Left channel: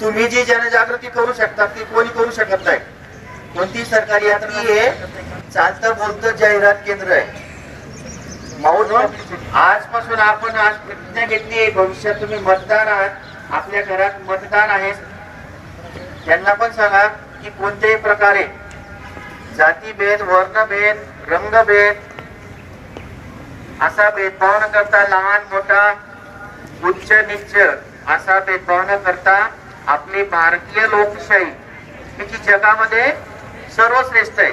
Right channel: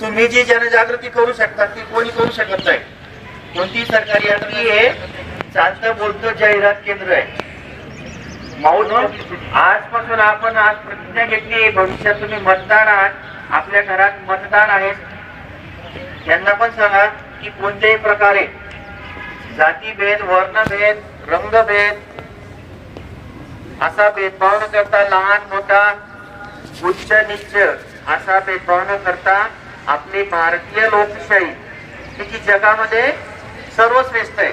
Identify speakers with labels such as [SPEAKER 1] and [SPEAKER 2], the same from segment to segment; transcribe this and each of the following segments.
[SPEAKER 1] तुम्ही जी जनजागृती करू शकता ती कोणी करू शकत नाही. कोणती सरकारी हे चालतं बोलतं जाहिरात केंद्र आहे. म्हणून आजपासून आपण आज प्रतिज्ञा घेतली. भविष्यात तुम्ही मतदार आहात. आपल्या घरात मतदार आहे त्यांना पण सांगा की कोणत्याही प्रकारे जातीभेद वर्णभेद रंगभेद असा भेदभाव न करता लहान मोठा उच्च नीच असा भेदभाव न करता आपली भारतीय लोकशाही ही जी जगामध्ये सर्वश्रेष्ठ आहे.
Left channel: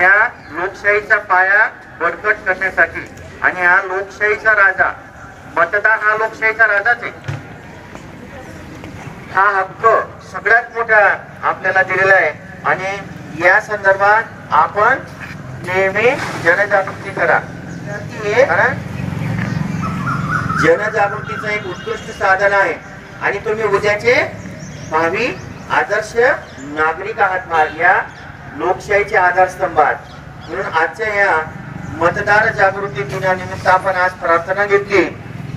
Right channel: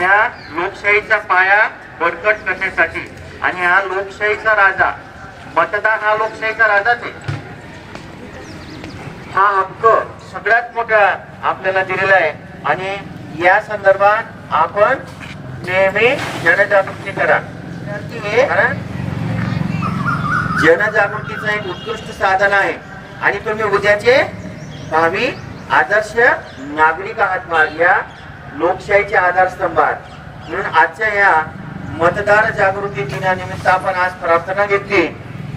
[SPEAKER 1] या लोकशाहीचा पाया बळकट करण्यासाठी आणि हा लोकशाहीचा राजा मतदान हा लोकशाहीचा राजाच आहे. हा हक्क सगळ्यात मोठा आपल्याला दिलेला आहे आणि या संदर्भात आपण नेहमी जनजागृती करा. जनजागृतीचं एक उत्कृष्ट साधन आहे आणि तुम्ही उद्याचे भावी आदर्श नागरिक आहात मा- या लोकशाहीच्या आहात म्हणून आजच्या या मतदार जागृती दिनानिमित्त आपण आज प्रार्थना घेतली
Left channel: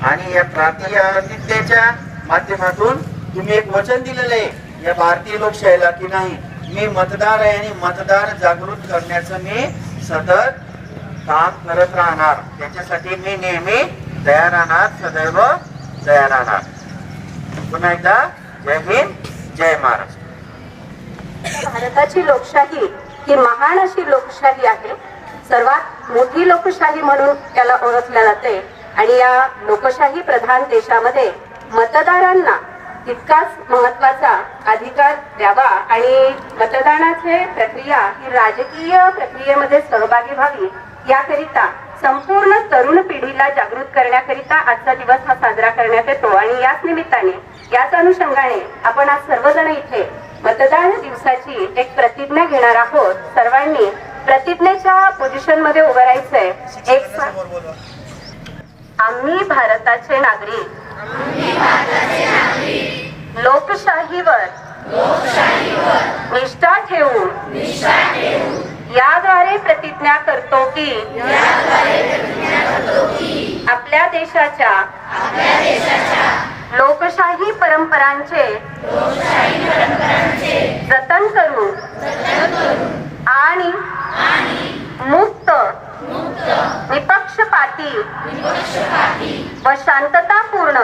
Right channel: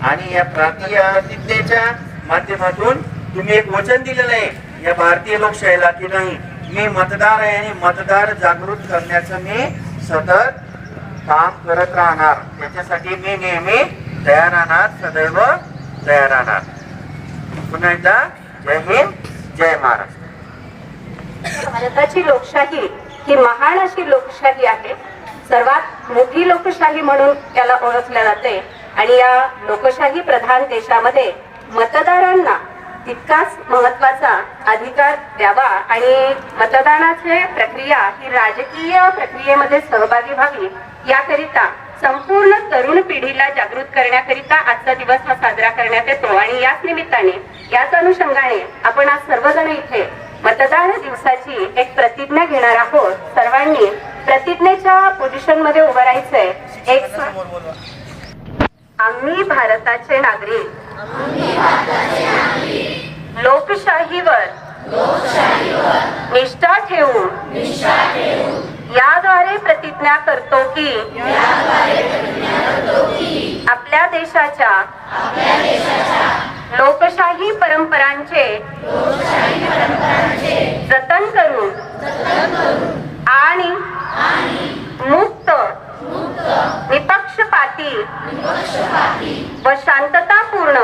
[SPEAKER 1] आणि या प्रार्थनेच्या माध्यमातून तुम्ही एक वचन दिलेलं आहे या भारतीय लोकशाहीला की नाही? मी मतदार आहे आणि मतदार जागृत करण्याचं मी सतत काम करत राहणार. त्याच्यासाठी मी नेहमी तयार राहणार सदैव तयार राहणार. पुन्हा एकदा जय हिंद जय महाराष्ट्र
[SPEAKER 2] भारताची लोकशाही ही महान अशी लोकशाही आहे. सर्वात मोठी लोकशाही म्हणून त्याला ओळखल्या जाते. आणि या लोकशाही प्रधान देशामध्ये मतदारांना तितकाच महत्त्वाचा अधिकार द्यावा आणि मतदानाची प्रक्रिया ही राजकीय प्रक्रियेमध्ये सहभागी व्हावी याकरिता संपूर्ण तरुण पिढीला जागृत करण्याकरिता आजचा दिवस हा साजरा करण्यात येतो. आणि याच निमित्ताने याच अनुषंगाने आपण आज सर्वजण इथे मतदान दिवसाची एक प्रतिज्ञा घेणार आहोत. सर्वांनी प्रतिज्ञेच्या पोझिशनमध्ये उभं राहायचंय. एक आम्ही भारताचे नागरिक. लोकशाहीवर. निष्ठा ठेवून. याद्वारे प्रतिज्ञा करतो की आपल्या देशाच्या लोकशाही परंपरांचे जतन करून आणि मुक्त निपक्षपाती व शांततापूर्ण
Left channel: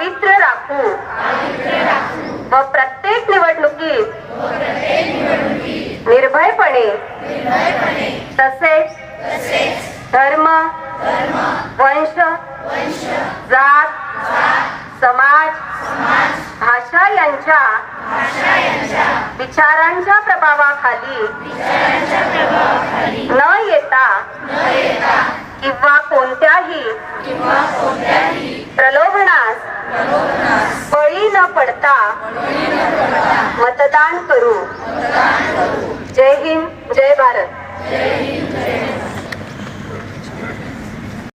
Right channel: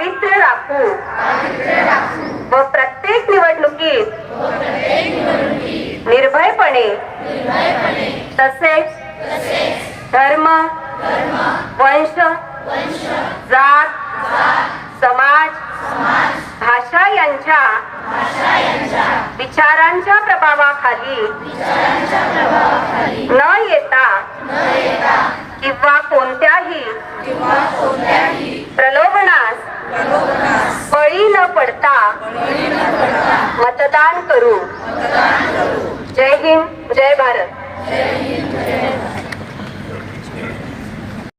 [SPEAKER 2] पावित्र्य राखू. व प्रत्येक निवडणुकीत निर्भयपणे तसेच धर्म वंश जात समाज भाषा यांच्या विचारांच्या प्रभावाखाली न येता किंवा कोणत्याही प्रलोभनास मतदान करू. जय हिंद जय भारत.